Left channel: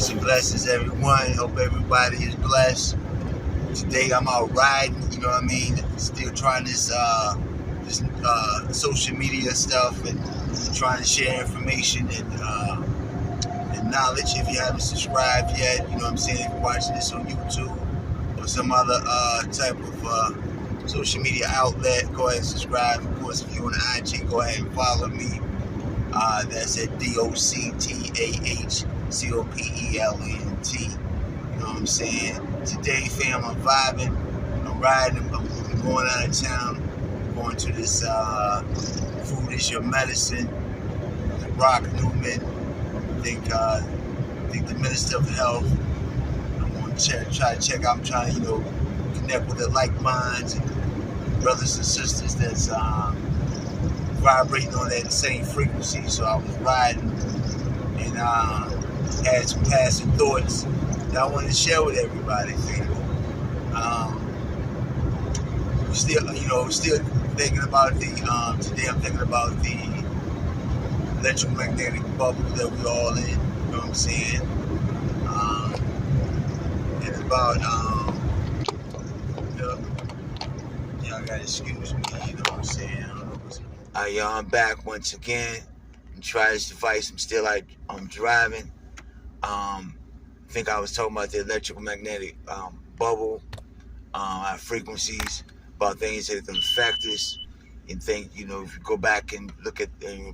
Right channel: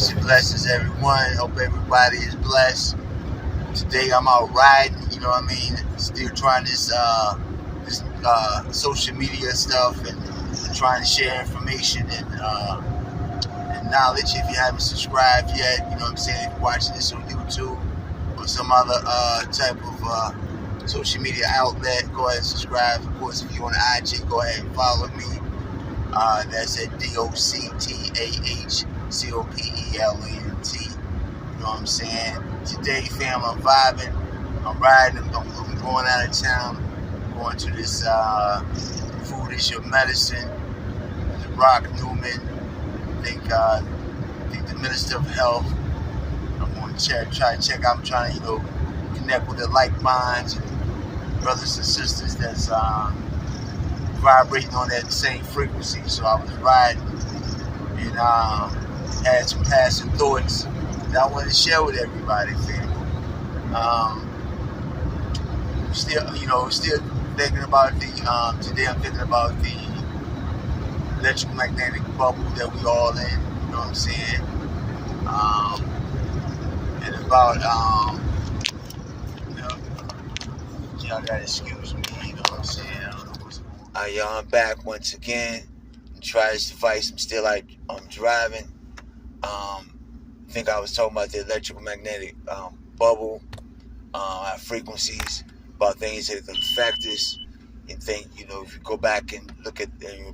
Peace and blessings, everyone. Hope everybody is blessed. Today I'm out riding, you know what I mean? Still trying this social media stuff and trying to share information and knowledge. If you haven't subscribed yet, you know what I'm saying? If you're watching this on YouTube or some other type of social media outlet, go ahead and subscribe. Of course, if you're on IG, go ahead and follow me. That's at DOCTAHCOPELANT. You know what I'm saying? Today, fam, I'm vibing. I'm riding. I'm going out of town. I'm going to this Food is Your Medicine. The Rock Newman. I think the Minister of Health. I'm going to try to check out. I'm trying to, connect with the like minds and brothers and sisters that's vibrating on that same frequency. So I was riding and had some passing thoughts that I wanted to share with everybody. Still thinking about today I'm thinking about the electromagnetic bubble that we all in, you know what I'm saying? And about, y'all gotta excuse me, you know what I'm saying? Y'all, I'm back once again and try this device. I'm driving. I think I was talking about the electromagnetic bubble, our frequencies, about things that can affect us. And think, if you go back and look at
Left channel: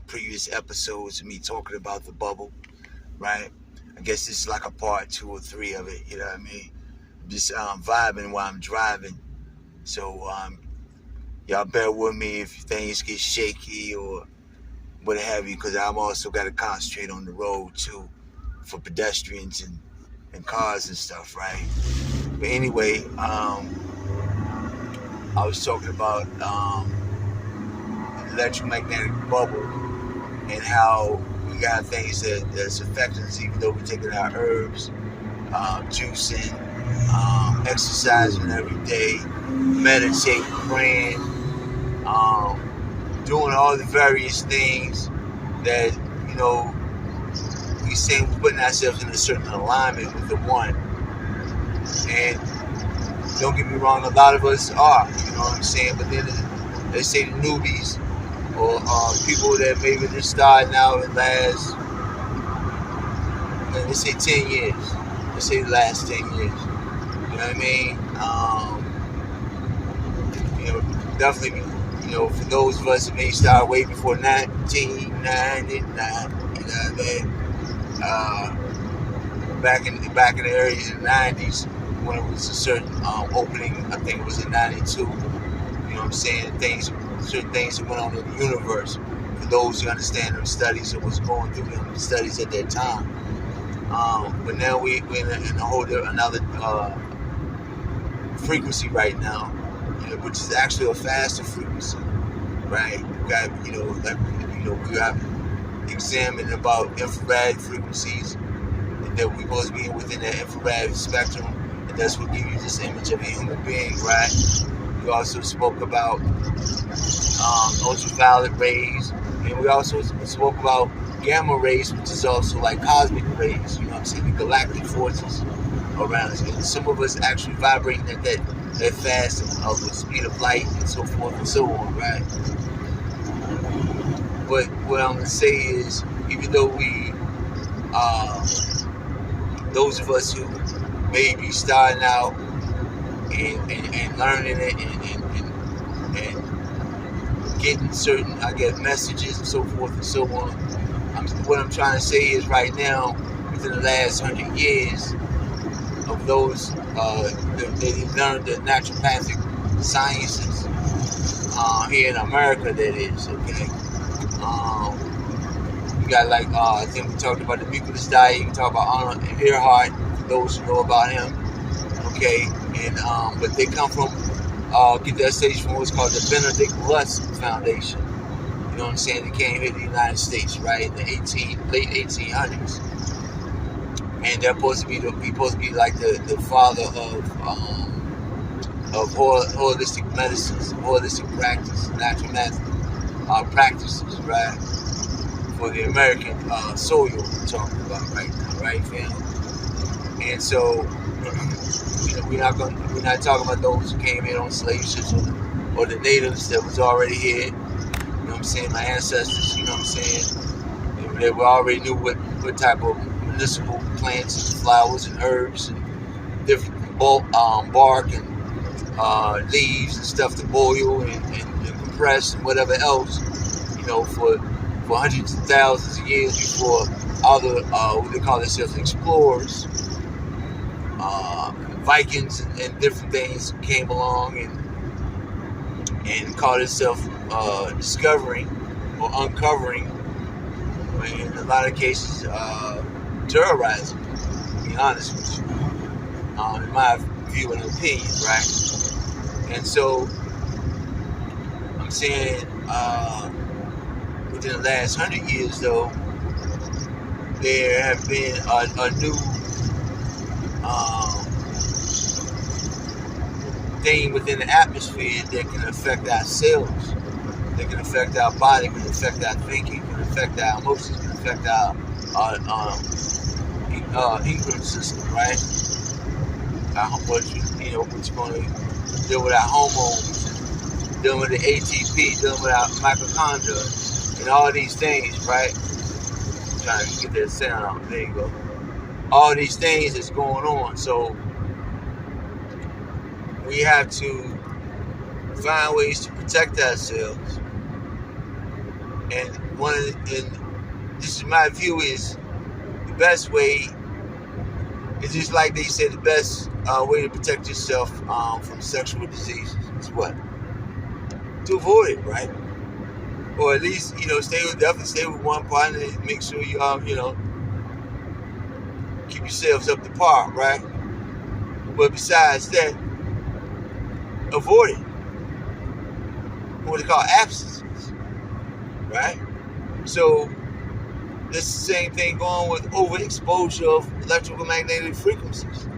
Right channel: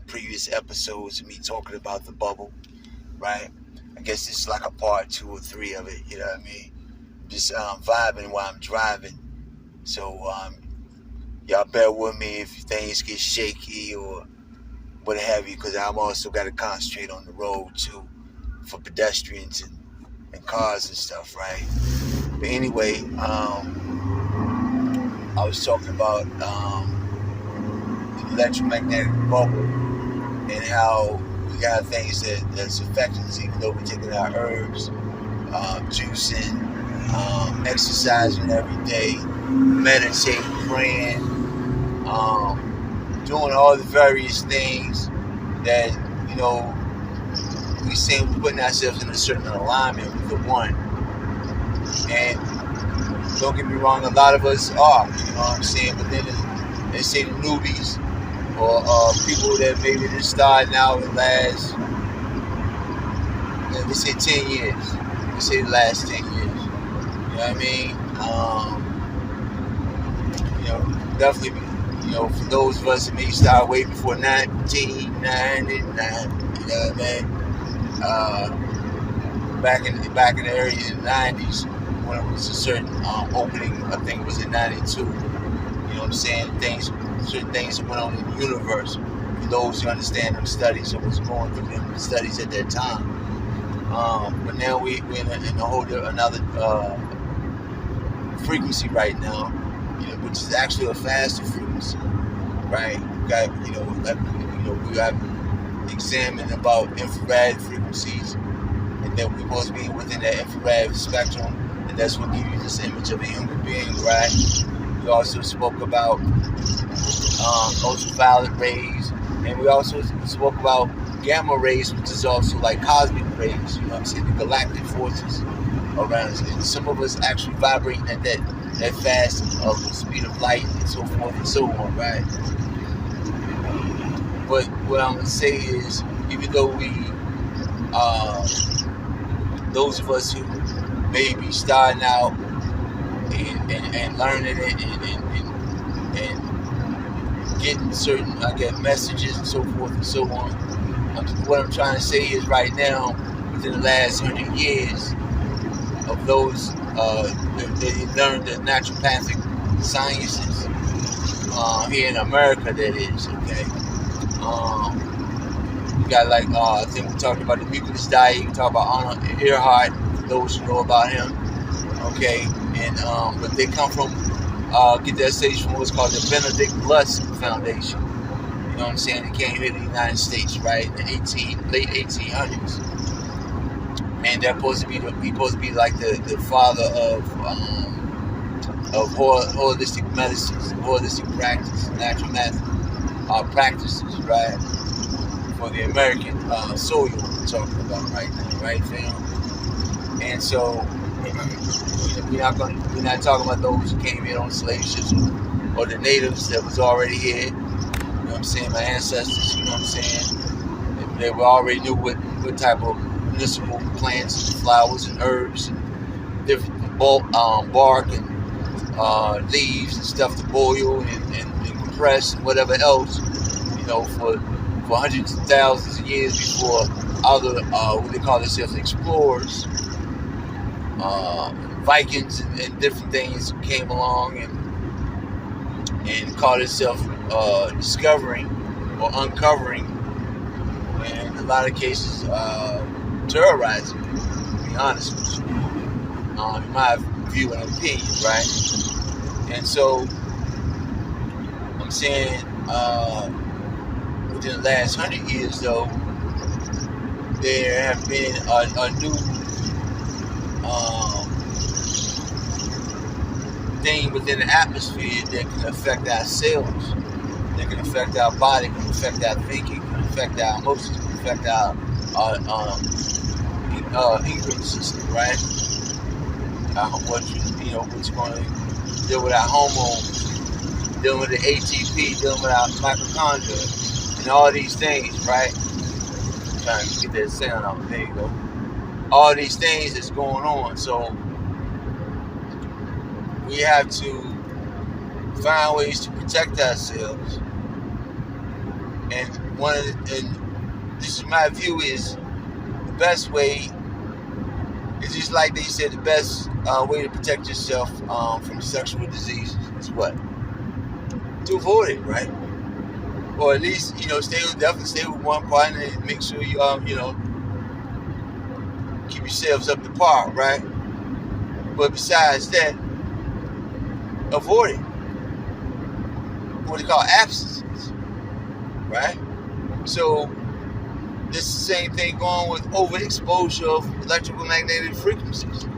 previous episodes of me talking about the bubble, right? I guess this is like a part 2 or 3 of it, you know what I mean? Just vibing while I'm driving. So, y'all bear with me if things get shaky or what have you, because I've also got to concentrate on the road too for pedestrians and cars and stuff, right? But anyway, I was talking about the electromagnetic bubble and how we got things that's affecting us, even though we're taking our herbs, juicing, exercising every day, meditating, praying, doing all the various things that, we say we're putting ourselves in a certain alignment with the one. And don't get me wrong, a lot of us are, you know what I'm saying? But then they say the newbies or people that maybe just starting out in last, they say 10 years. They say the last 10 years. You know what I mean? Definitely, for those of us that may start way before 1999, you know what I mean? Back in the early 90s, when it was a certain opening, I think it was in 92. You know what I'm saying? Certain things that went on in the universe. For those who understand them studies and what's going through them studies at that time. But now we're in a whole another frequency right now, which is actually a faster frequency, right? We got, we got examining about infrared frequencies, and that we're supposed to be within that infrared spectrum, and that's what gives you this image of a human being, right? We also spoke about ultraviolet rays, and we also spoke about gamma rays, which is also like cosmic rays, you know what I'm saying, the galactic forces around us. And some of us actually vibrating at that fast of the speed of light and so forth and so on, right? But what I'm gonna say is, even though we, those of us who may be starting out and learning it and getting certain, I guess, messages and so forth and so on, what I'm trying to say is right now, within the last 100 years, of those that learned the naturopathic sciences here in America, that is, okay. You got I think we talked about the mucus diet. You can talk about Arnold Earhart, for those who know about him, okay. And but they come from get their stage from what's called the Benedict Lust Foundation. You know what I'm saying? They came here to the United States, right, in the late 1800s. And they're supposed to be like the father of holistic medicines, holistic practice, natural practices, right? For the American soil we're talking about right now, right, fam? And so we're not talking about those who came in on slave ships or the natives that was already here. You know what I'm saying? My ancestors, you know what I'm saying? They already knew what type of medicinal plants and flowers and herbs and different bark and leaves and stuff to boil and compress and whatever else, for hundreds of thousands of years before other, what they call themselves, explorers, Vikings and different things came along and called itself discovering or uncovering, in a lot of cases, terrorizing, to be honest with you, in my view and opinion, right? And so I'm saying within the last 100 years, though, there have been a new thing within the atmosphere that can affect our cells, that can affect our body, can affect our thinking, can affect our emotions, can affect our endocrine system, right? What's going to deal with our hormones, dealing with the ATP, dealing with our mitochondria, and all these things, right? I'm trying to get that sound out. There you go. All these things that's going on. So we have to find ways to protect ourselves. And this is my view, is the best way is just like they said, the best way to protect yourself from sexual diseases is what? To avoid it, right? Or at least, definitely stay with one partner and make sure you keep yourselves up to par, right? But besides that, avoid it. What they call abstinence, right? So this is the same thing going with overexposure of electromagnetic frequencies.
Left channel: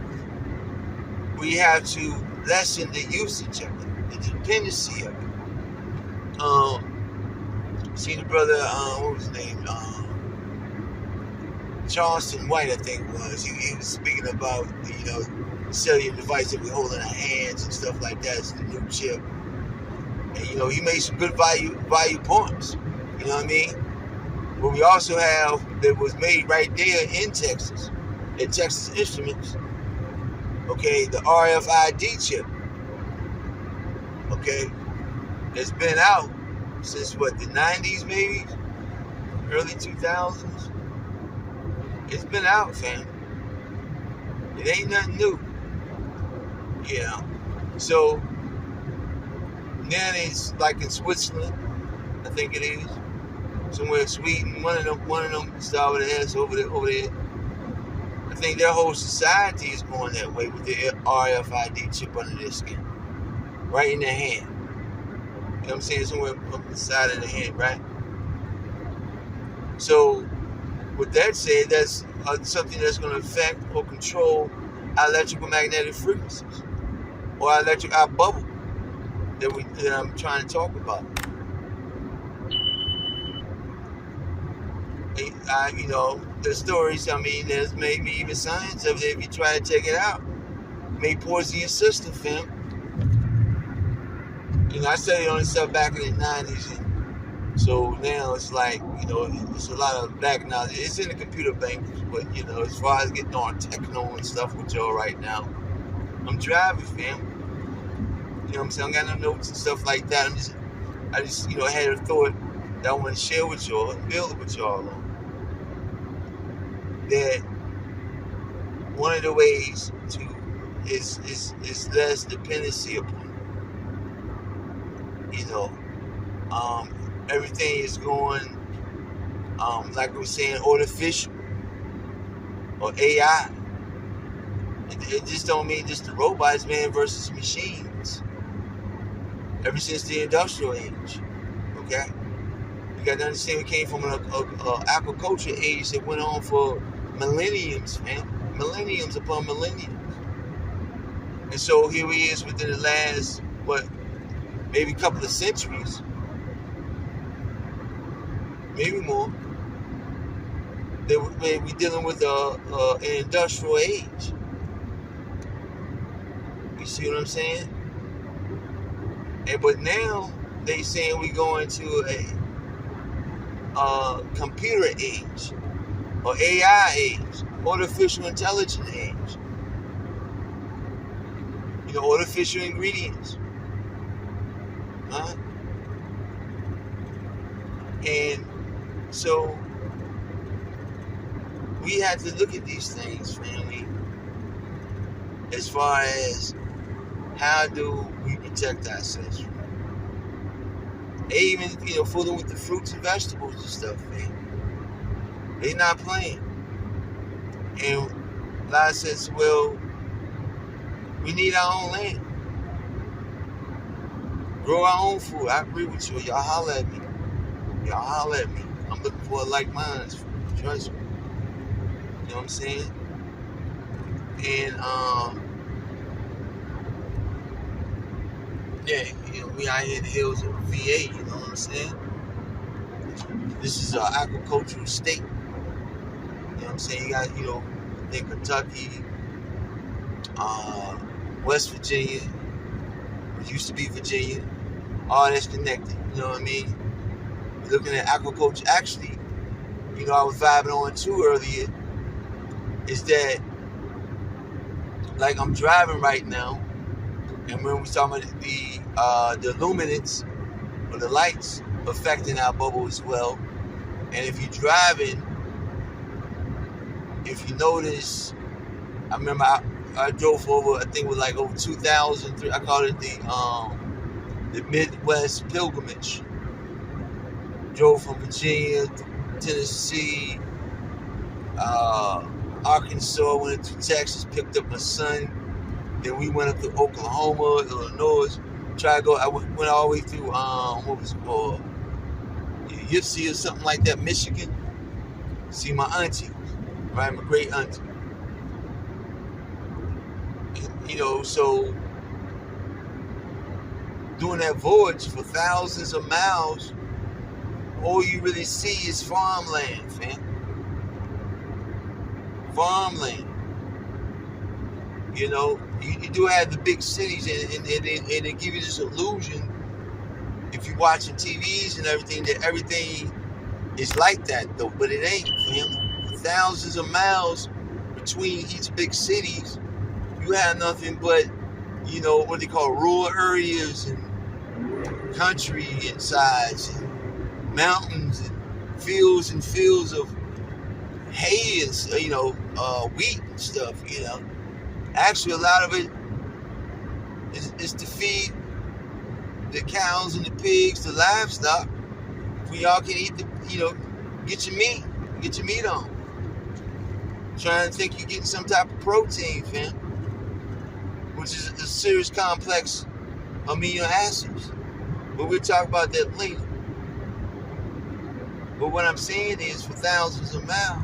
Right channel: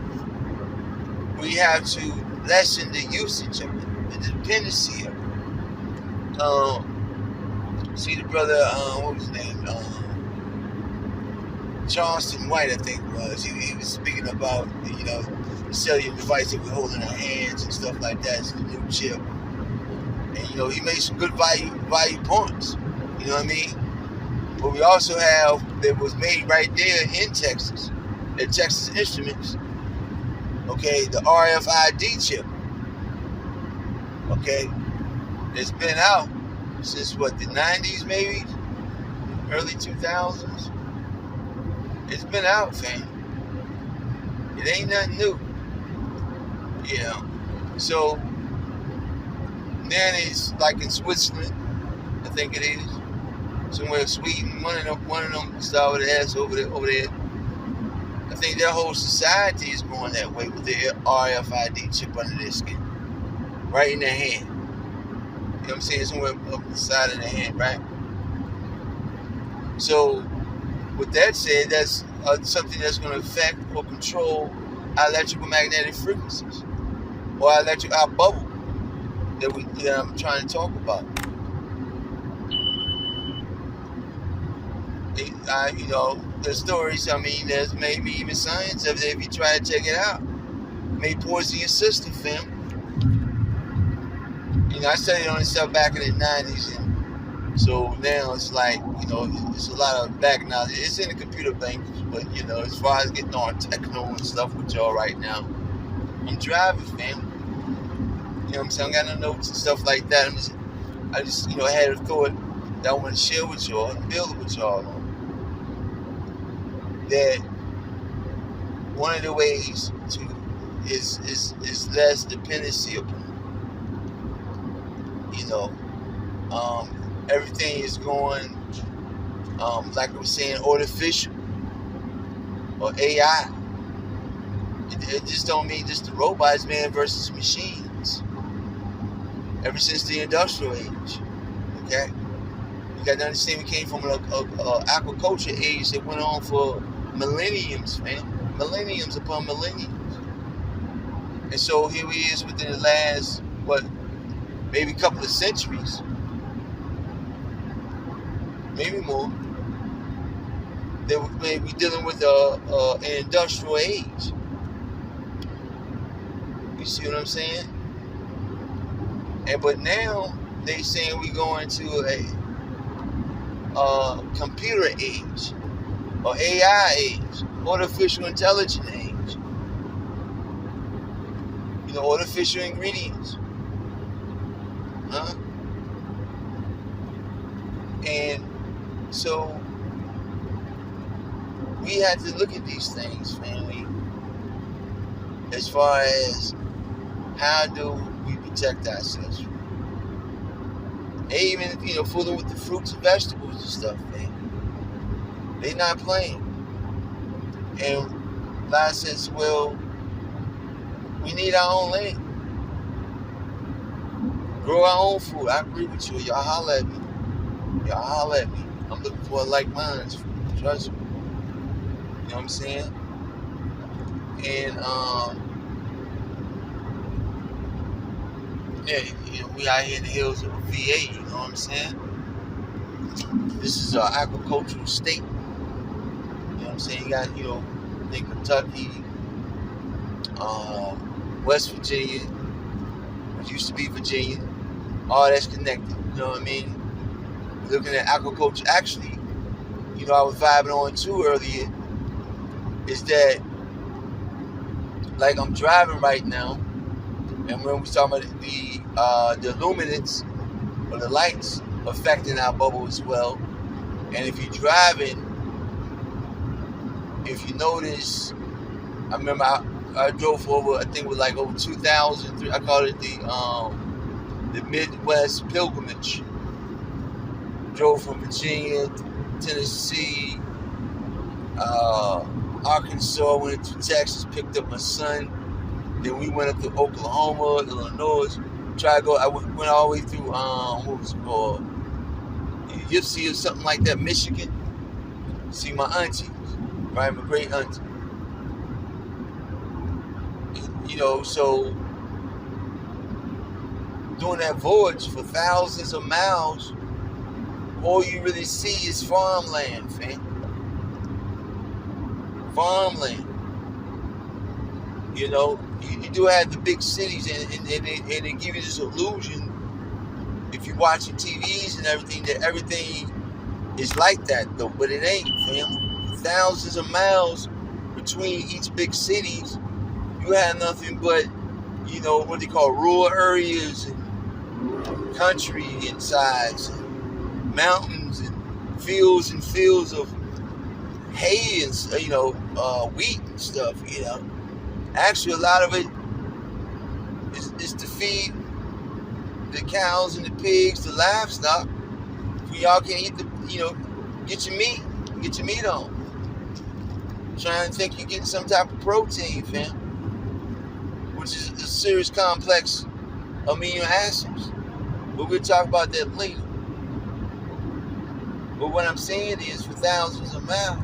We have to lessen the usage of it, the dependency of it. See the brother, what was his name? Charleston White, I think it was. He was speaking about the cellular device that we hold in our hands and stuff like that. It's the new chip. And he made some good value points. You know what I mean? But we also have that was made right there in Texas, at Texas Instruments. Okay, the RFID chip. Okay, it's been out since the 90s, maybe early 2000s. It's been out, fam. It ain't nothing new. So now it's like in Switzerland, I think it is. Somewhere in Sweden, one of them start with an S over there. I think their whole society is going that way with the RFID chip under their skin, right in their hand. You know what I'm saying? Somewhere up the side of the hand, right? So, with that said, that's something that's going to affect or control our electromagnetic frequencies, or our bubble that I'm trying to talk about. There's stories, there's maybe even science of it if you try to check it out. It may poison your system, fam. I studied on this stuff back in the 90s, and so now it's like, it's a lot of back knowledge. It's in the computer language, but, as far as getting on techno and stuff with y'all right now, I'm driving, fam. You know what I'm saying? I got no notes and stuff like that. I just had a thought that I want to share with y'all and build with y'all on. That one of the ways is less dependency upon. Everything is going, like I was saying, artificial or AI. It just don't mean just the robots, man, versus machines. Ever since the industrial age, okay? You got to understand, we came from an agriculture age that went on for millenniums, man. Millenniums upon millenniums. And so here we is within the last, maybe a couple of centuries, maybe more, that we're dealing with an industrial age. You see what I'm saying? But now they saying we're going to a computer age, or AI age, artificial intelligence age. You know, artificial ingredients. Huh? And so we have to look at these things, family, as far as how do we protect ourselves from it. They even, you know, fooling with the fruits and vegetables and stuff, man. They're not playing. And a lot says, well, we need our own land. Grow our own food. I agree with you. Y'all holler at me. Y'all holler at me. I'm looking for a like-minded. Trust me. You know what I'm saying? And, yeah, you know, we out here in the hills of VA, you know what I'm saying? This is our agricultural state. You know what I'm saying? You got, you know, in Kentucky, West Virginia, which used to be Virginia, all that's connected, you know what I mean? We're looking at agriculture. Actually, you know, I was vibing on too earlier, is that, like, I'm driving right now, and when we talking about the luminance or the lights affecting our bubble as well, and if you're driving, if you notice, I remember I drove for over, I think it was like over 2,000. I call it the Midwest pilgrimage. Drove from Virginia, Tennessee, Arkansas, went to Texas, picked up my son. Then we went up to Oklahoma, Illinois. Tried to go. I went all the way through what was it called? Yipsy or something like that, Michigan. See my auntie, right? My great auntie. You know, so doing that voyage for thousands of miles, all you really see is farmland, fam. Farmland. You know, you do have the big cities, and they give you this illusion, if you're watching TVs and everything, that everything is like that, though. But it ain't, fam. Thousands of miles between each big cities, you have nothing but, you know, what they call rural areas and country and sides and mountains and fields of hay and, you know, wheat and stuff, you know. Actually, a lot of it is to feed the cows and the pigs, the livestock, for y'all can eat the, you know, get your meat on. Trying to think you're getting some type of protein, fam, which is a serious complex amino acids. But we'll talk about that later. But what I'm saying is, for thousands of miles,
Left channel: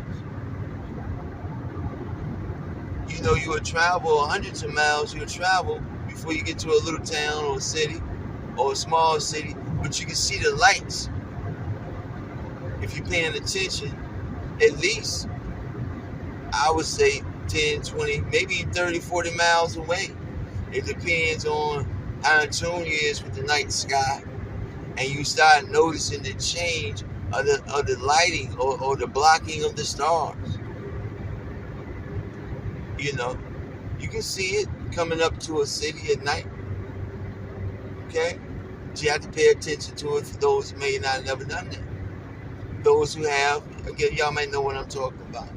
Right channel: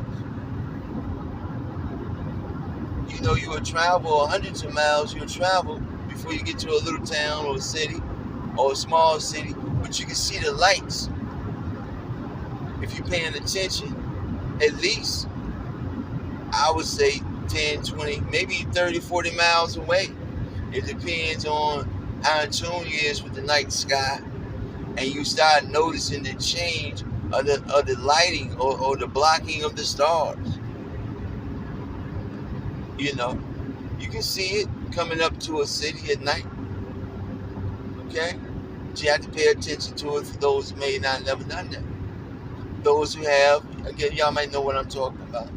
you know, you would travel hundreds of miles, you would travel before you get to a little town or a city or a small city, but you can see the lights if you're paying attention, at least, I would say 10, 20, maybe 30, 40 miles away. It depends on how in tune you is with the night sky, and you start noticing the change of the lighting or the blocking of the stars. You know, you can see it coming up to a city at night. Okay? But you have to pay attention to it for those who may not have never done that. Those who have, again, y'all might know what I'm talking about.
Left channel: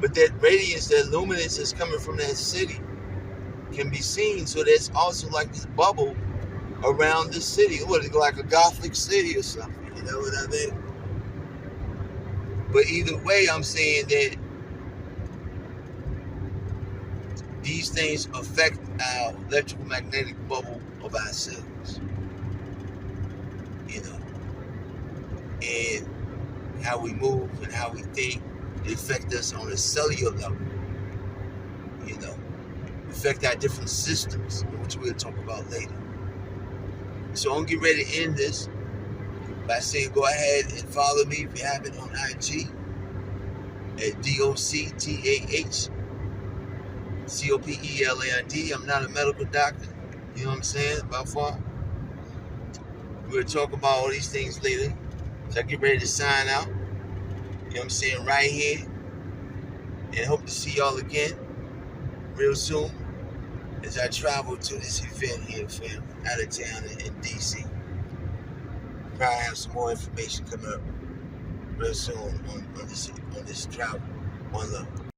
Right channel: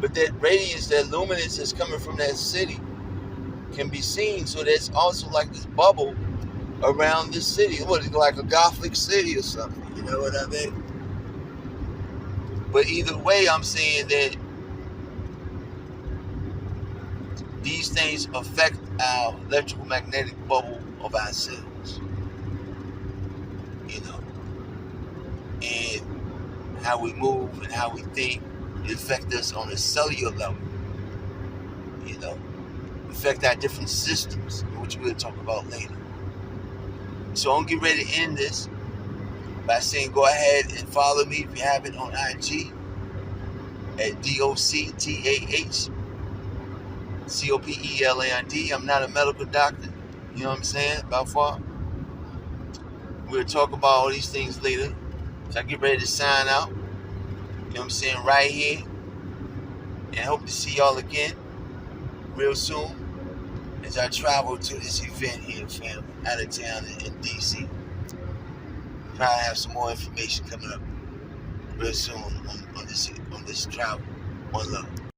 But that radiance, that luminance that's coming from that city can be seen. So there's also like this bubble around the city. What, it's like a Gothic city or something. You know what I mean? But either way, I'm saying that these things affect our electromagnetic bubble of ourselves, you know, and how we move and how we think. It affects us on a cellular level, you know, affect our different systems, which we'll talk about later. So I'm getting ready to end this by saying, go ahead and follow me if you haven't on IG. at DOCTAHCOPELAND. I'm not a medical doctor. You know what I'm saying? By far. We'll talk about all these things later. So I get ready to sign out. You know what I'm saying? Right here. And hope to see y'all again real soon as I travel to this event here, fam, out of town in DC. Probably have some more information coming up real soon on this travel. One love.